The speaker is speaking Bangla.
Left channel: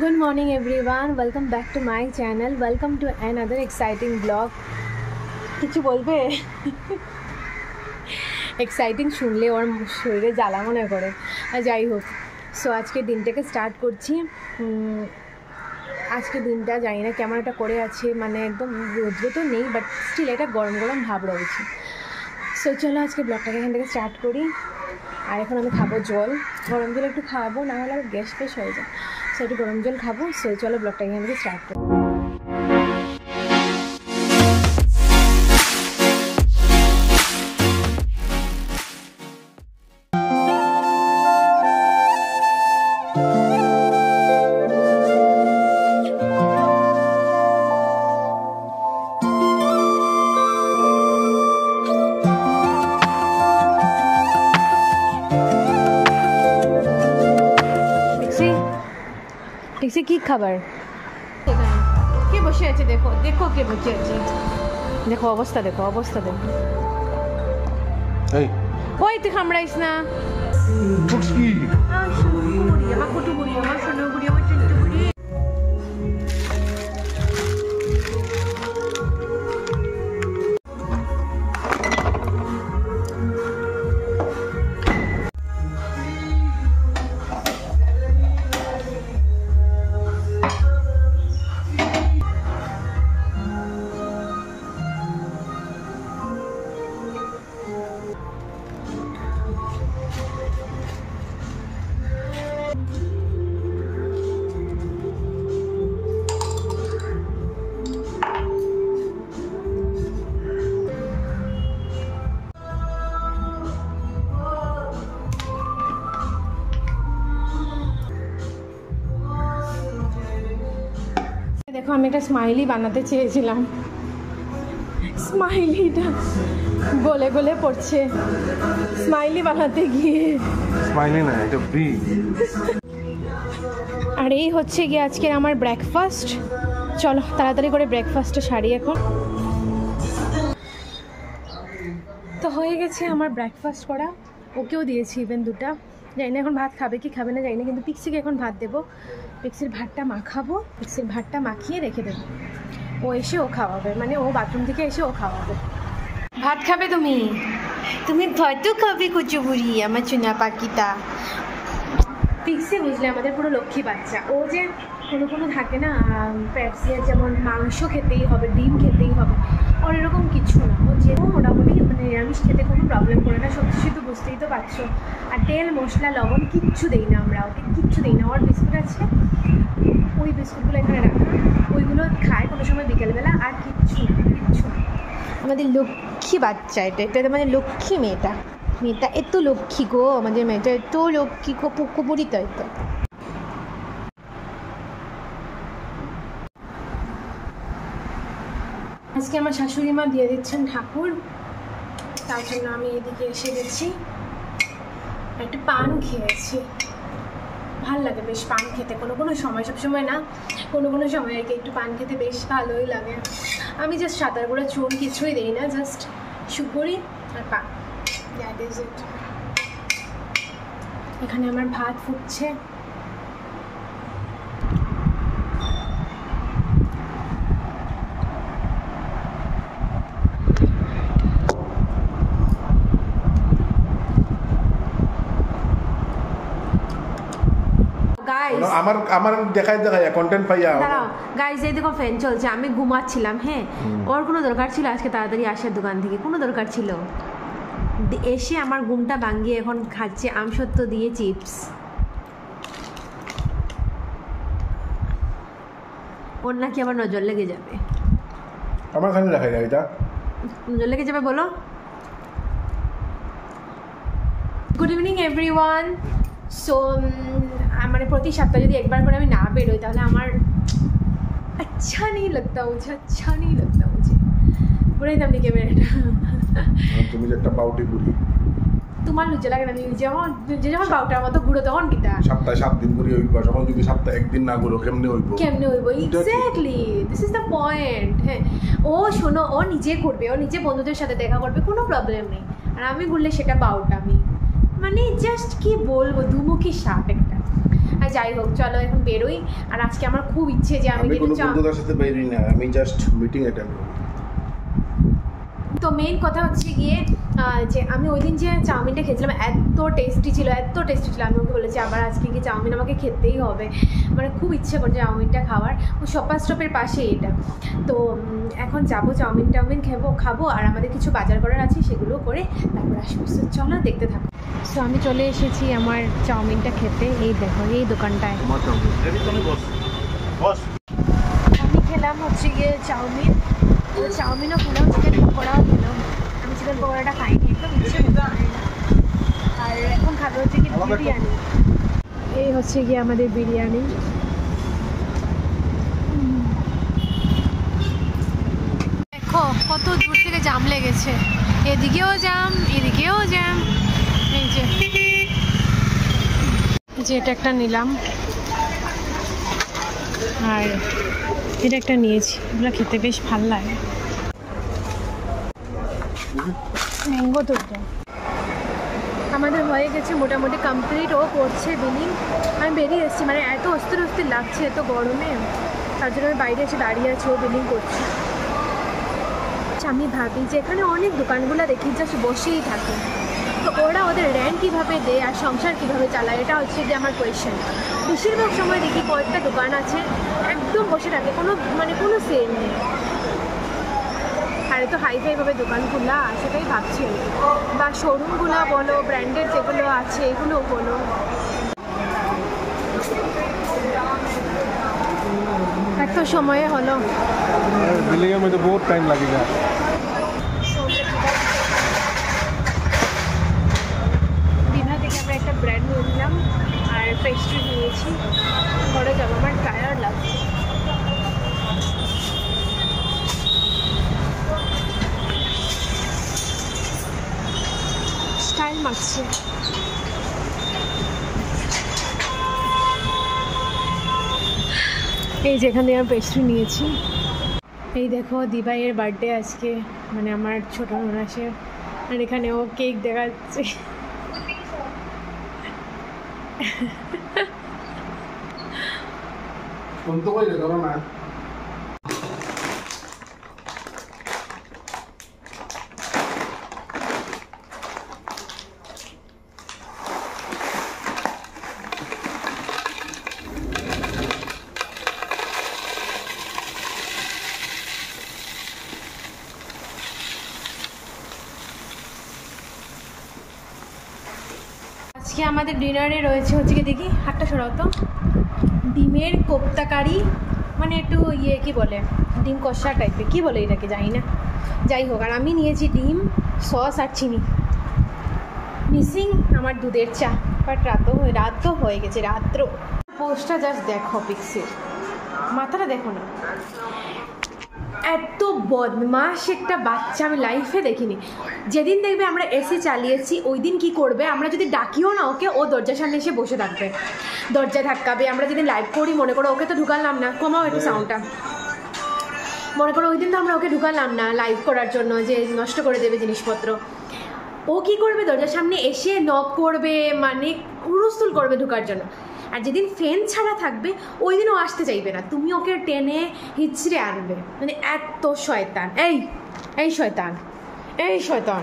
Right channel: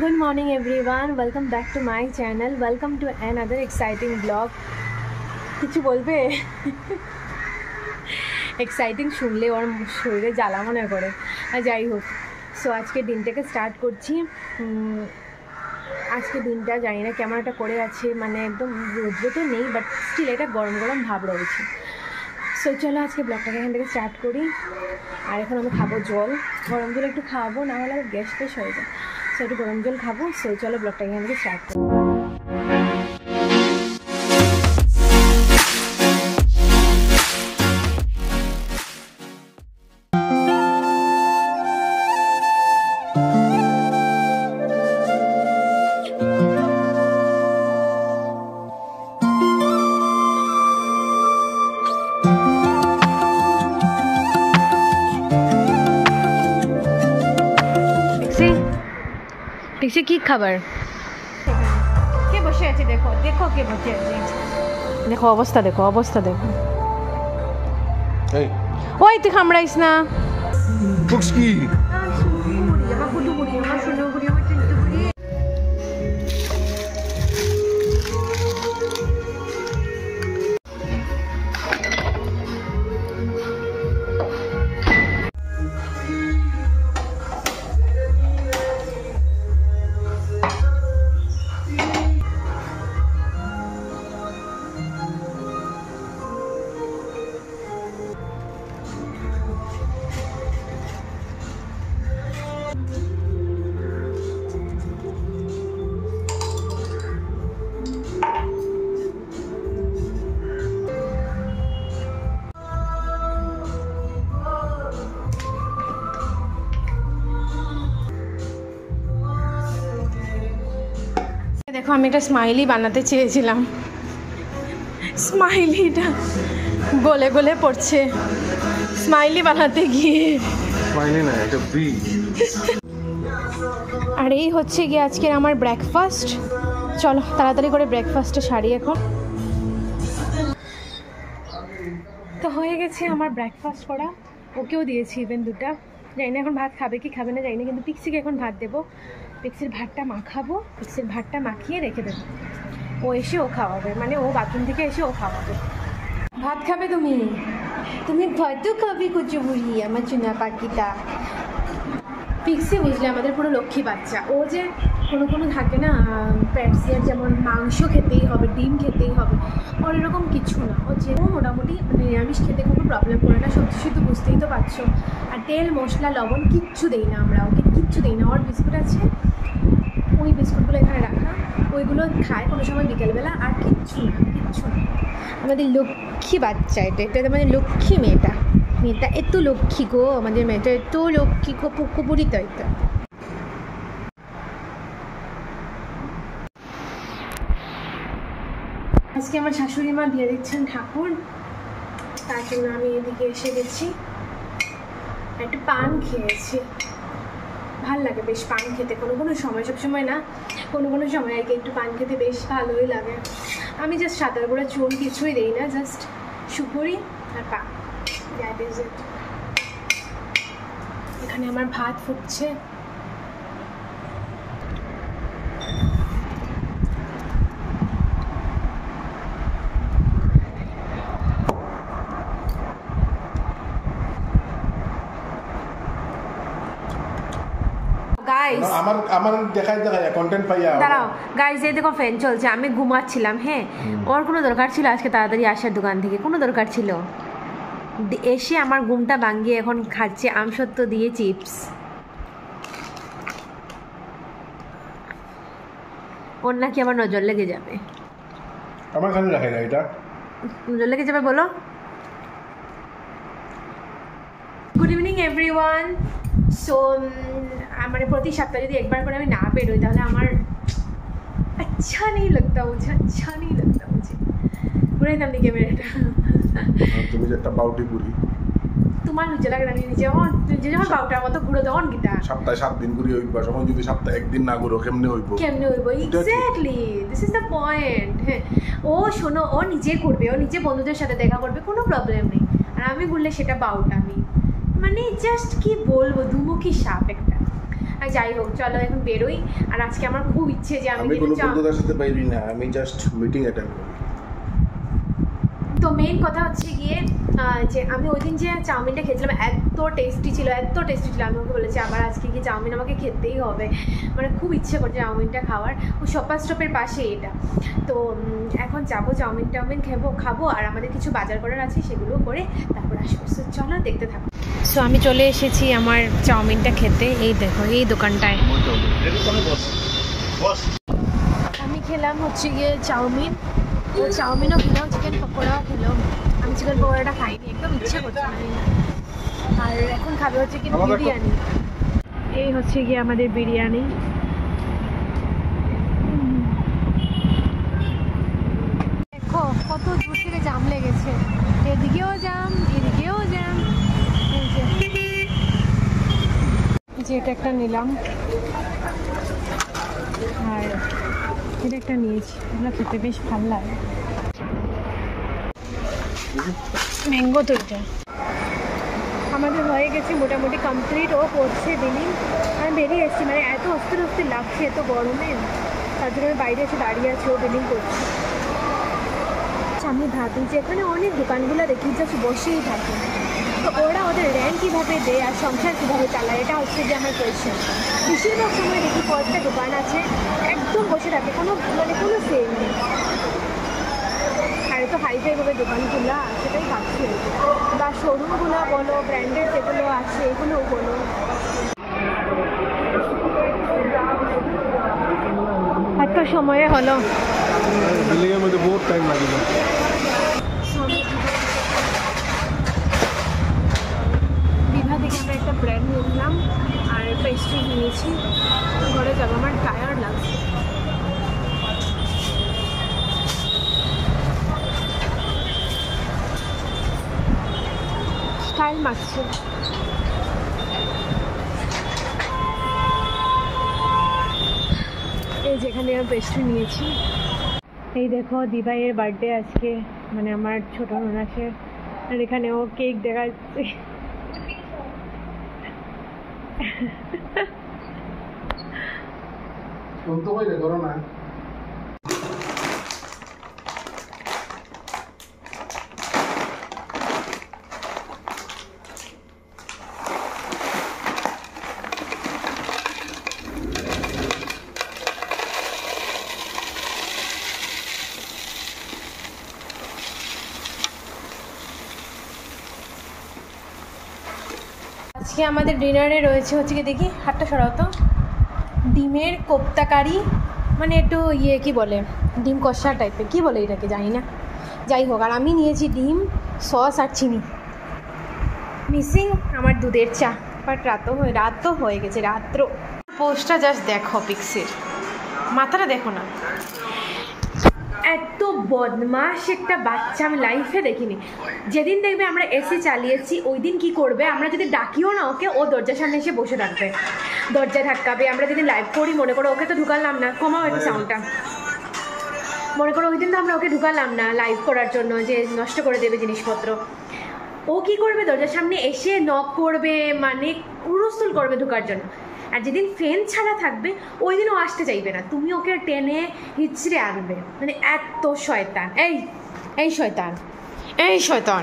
Good morning everyone, welcome back to my channel, welcome to another exciting vlog. কিছু বলবে? এক্সাইটিং শুনলে ওর শরীরে জ্বালা মনে করে। আর যাই হোক, সো আজকে দিনটাকে স্টার্ট করছি। আজকে দিনটা জানি না কেমন একটা করে আছে, মানে একদম রোদ্র তো নেই, বাট স্টিল এটা গরম গরম ভাব রয়েছে। সো চলো আজকে ব্লগটাকে এখান থেকে স্টার্ট করি। আর এখন আমি খাবো জল, গরম জল একটু খাবো, না হলে আর গ্যাস ফ্যাস হয়ে যায়। সো একটু গরম জল খাবো। সো চলো ব্লগটাকে এখান থেকে স্টার্ট করি। পিক্সি কি খাবার? কে বসে আছে? দেখো দেখো কে বসে আছে, দেখো অবস্থা, দেখো অবস্থা, দেখো। ওই তুই কামড়াইস না। আমার কুটু বুড়ি, আমার সোনা বুড়ি, আমার চিন্টু বুড়ি। দেখো আমি একটা স্মাইলি বানাতে চেয়েছিলাম, স্মাইলিটা গলে গলে পড়ছে স্মাইলি বানাতে গিয়ে। আর এই হচ্ছে গিয়ে আজকের আমার ব্রেকফাস্ট। চলো তাড়াতাড়ি করে ব্রেকফাস্টটা সারি এখন। তো হয়ে গেছে আমার ব্রেকফাস্ট করা, ওকেও দিয়েছি ইভেন দুটা। জানি না এখন ভাত খাবে কি খাবে না জানি না, কিন্তু পিক্সিকে এখন ভাত দেবো। পিক্সির ভাতটা মাখাবো, পিক্সির ভাতটা মাখিয়ে রেখে দেবো, ও এসে ও খাওয়াবে, মানে ও বাথরুম থেকে এসে ও খাওয়াবে। ভাত খাবে তুমি? তুমি ভাতও খাবে কুচু বুড়ি, আমার চুনা পাখিটা। পিক্সি বুঝলে আমাদের পুরো লক্ষ্মী বাচ্চা। ও যে কোনো থাকে না প্যাটসিয়ার, যেমন মাংস খেতেই হবে, ডিম খেতেই হবে, ওর এরকম কিছু না। ও যে মোটামুটি মানে নিরামিষ খেতে কোনো প্রবলেম করে না। সবজি তো বুঝতেই তো পারছো। আর তেল মশলা লবণ কিচ্ছু দেই না আমরা ওকে, কিচ্ছু দেই না। ওর বিস্কুট আছে, ওই বিস্কুটগুলো এখানে রাখা, ওইগুলো খায় কোনো সময় বিকেলবেলা, আর কিচ্ছু না, কিচ্ছু না। আমাদের লক্ষ্মী বাচ্চা এটা মানে লক্ষ্মী মেয়েটা, মেয়েটা এত লক্ষ্মী গো, আমাদের মেয়েটা এত লক্ষ্মী গো, পুকুপুরি তো এটা। আজকে আমার শাশুড়ি মা দিয়ে দিচ্ছেন ঠাকুর, তার জন্য আমি এদিকে এসে গেছি। একটু পান খেয়েছি, ভাল লাগে বেশ পান খেতে, কোনো সময়, সবসময় না, কোনো সময় আর কি একটু পান খেতে বেশ ভালোই লাগে। আমি জাস্ট সাঁতার করে চুন কিছুই দিই না, জাস্ট সুপুরি আর পান, দ্যাট ইজ ইট। এখানে আমার ভাত ফুটছে। আমার দেখাই কন্টেন্ট পাইয়া দাঁড়াও গাইজ, এই দেখো ফ্যান চলছে, আমি ঘুমাচ্ছিলাম। হ্যাঁ, ওর কোনো দরকার ছিল আজকে তাড়াতাড়ি আসার দোকান থেকে? কোনো দরকার ছিল? এসে আমার ঘুমটা ভাঙিয়ে এখন খাচ্ছে আমসত্ব দিয়ে চিপস। ওর নাকি আবার নজর লেগে যাবে। আমার খালি দেখাই না, এটা নজর লেগে যাবে বলো। Good evening everyone. সো মানে প্রতি সপ্তাহে যদি একবার করে আমি না বেরোই তাহলে আমার আচ্ছা নেই লাগতা, মুঝে আচ্ছা নেই লাগতা। মুঝে বুড়াই দাম দিকে মেয়েটা, তুমি যে একটা বাউটি বুড়ি, তোমার লজ্জা লাগে না? নিজে যখন বাউটার মতো ঘুরো তখন কিটা সপ্তাহে 7 দিন ঘুরি হইবা, তখন যদি সপ্তাহে 1 দিন না ঘুরো কেমনে হইব? Exactly, this is the point. হ্যাঁ, ও শোনো, ও নিজে ঘুরবে, ও নিজে বন্ধুদের সাথে দেখা করবে, কোনো প্রবলেম নেই। আর আমি ঘুরলে সেটা বাউটা, আমি মানে জাস্ট কি বলবো, দুমুখী সাপ একটা। আর যাই হোক চলো এখন বেরোই। আর আজকে আমার খুব ইচ্ছে যে আমি কোনো বন্ধুদের সাথে বেরোই না, আমি জাস্ট মিটিং অ্যাটেন্ড করি। তো মেইন কথা হচ্ছে গিয়ে যে আমি ওই দিন যে চাউমিনটা খেয়েছিলাম এত টেস্টি ছিল, এত টেস্টি ছিল, আমি ওকে বলেছি আবার আজকে কি চাউমিন আমাকে খেতেই হবে, মানে খুব ইচ্ছে করছে চাউমিনটা খাওয়ার। ও শপার স্টপের পাশে এটা। তো এখন যাবো চাউমিন খাবো আর আমাদের কিছু বাজার করার আছে সেগুলো করে তারপর আসবো। চলো দেখতে থাকো। সো আমি চলে এসেছি আমার চাউমিনটা খেতে। এই দেখো এই দোকানটায় আমি খেলাম হচ্ছে গিয়ে চাউমিন, ও চাউমিনও খেলাম, চিকেন পকোড়াও খেলাম। আমি চিকেন পকোড়াটা খাইনি, একদম ইচ্ছে করছে না। আর এখন খাবে হচ্ছে কি বিরিয়ানি। এই হচ্ছে গিয়ে আমাদের বিরিয়ানি। দেখো কত দূর থেকে জাম লেগেছে, এদিকেও জাম এদিকেও জাম। এই যে এটা একটা নিলাম আর এটা একটা নিয়েছি, এগুলো খেতে বেশ ভালো লাগে। ম্যাঙ্গো তোরটা আমাদের হয়ে গেছে মোটামুটি কমপ্লিট। ও করছে বিলিং, আমি বেরিয়ে এসেছি, মানে এত অস্থির লাগছে এত গরমে, তার জন্য আমি বাইরে এসে দাঁড়িয়ে আছি, ও বিলিং করছে। আমি ভাবি যে এখানে অনেক দোকানগুলো দেখি জাস্ট বসেই থাকে, তো ওরা ওদের রেন্ট কীভাবে দেয় আর সংসার কীভাবে চালায়, এটা হচ্ছে যে আমার কোয়েশ্চেন। বেশিরভাগ সময় দেখি কয়েকটা দোকান আছে একদম বসে থাকে, কোনো সেল নেই। আর তো হাইফাইভাবে দোকানগুলো সেটাই ভাবছি, বা শোরুমগুলো বলো, ব্র্যান্ডের যেগুলো আছে এগুলো বলো। এত সময়ে হলো বিল্ডিংয়ের মধ্যে বহুত টাইম লাগে না। দীঘা থেকে আমরা একটা ব্র্যান্ড নিলাম আর পেস্ট্রি নিয়েছি, ঘরে যাবো, আমার টায়ার্ড লাগছে। স্টাইল মারছে। এই যেখানে আমি পেস্ট্রি নিয়েছি। এই দেখো দিভাইয়ের বার্থডে আজকে, মানে আমার ছোট ননাসের, আর এখানে ও কেক দেখাচ্ছে। আজকে আমাদের ডিনারে রয়েছে হচ্ছে কি, দেখি হাতটা সরাও তো, ডিমের কোপ্তা কারি, মানে একটু কি বলে ডিম কষা টাইপের, কি বলে এটাকে জানি না, যাই হোক। আর আমি নিয়েছি ডিম, সস আর চিনি, মিসিং আমার দুধের চা। বাট রাত তো হয়ে গেছে, রাত্র। পোস্টটা জাস্ট দেখো, পিক্সের মাথাটা দেখো না, এত বদমাশ একটা বাচ্চা আমি লাইফে দেখিনি। যেদিন দেখবে আমরা এসি চালিয়েছি ওই দিন কি করবে, আমরা যদি ডাকিও না ওকে, ও দরজার সামনে এসে বসে থাকবে, দরজা ধাক্কাবে। আমরা যদি লাইভ করি, মনে করো ওকে তো ঢুকালাম না, কমাও একটু সাউন্ডটা, মনে করো ওই দিন তো আমরা ওকে ঢুকালাম না লাইভ করার জন্য, যে নষ্ট করে দেবে জিনিসপত্র, ও কি করবে দরজার সামনে এসে নক করবে, মানে হুড়স্থুল করবে ঢুকার জন্য। আর যেদিন ফ্রেন্ড ছাড়া থাকবে ওই দিন ও আসতে চাইবে না, তুমি ওকে টেনে হিচড়ে আনবে, মানে এত শয়তান। এই শয়তান, এই শয়তান।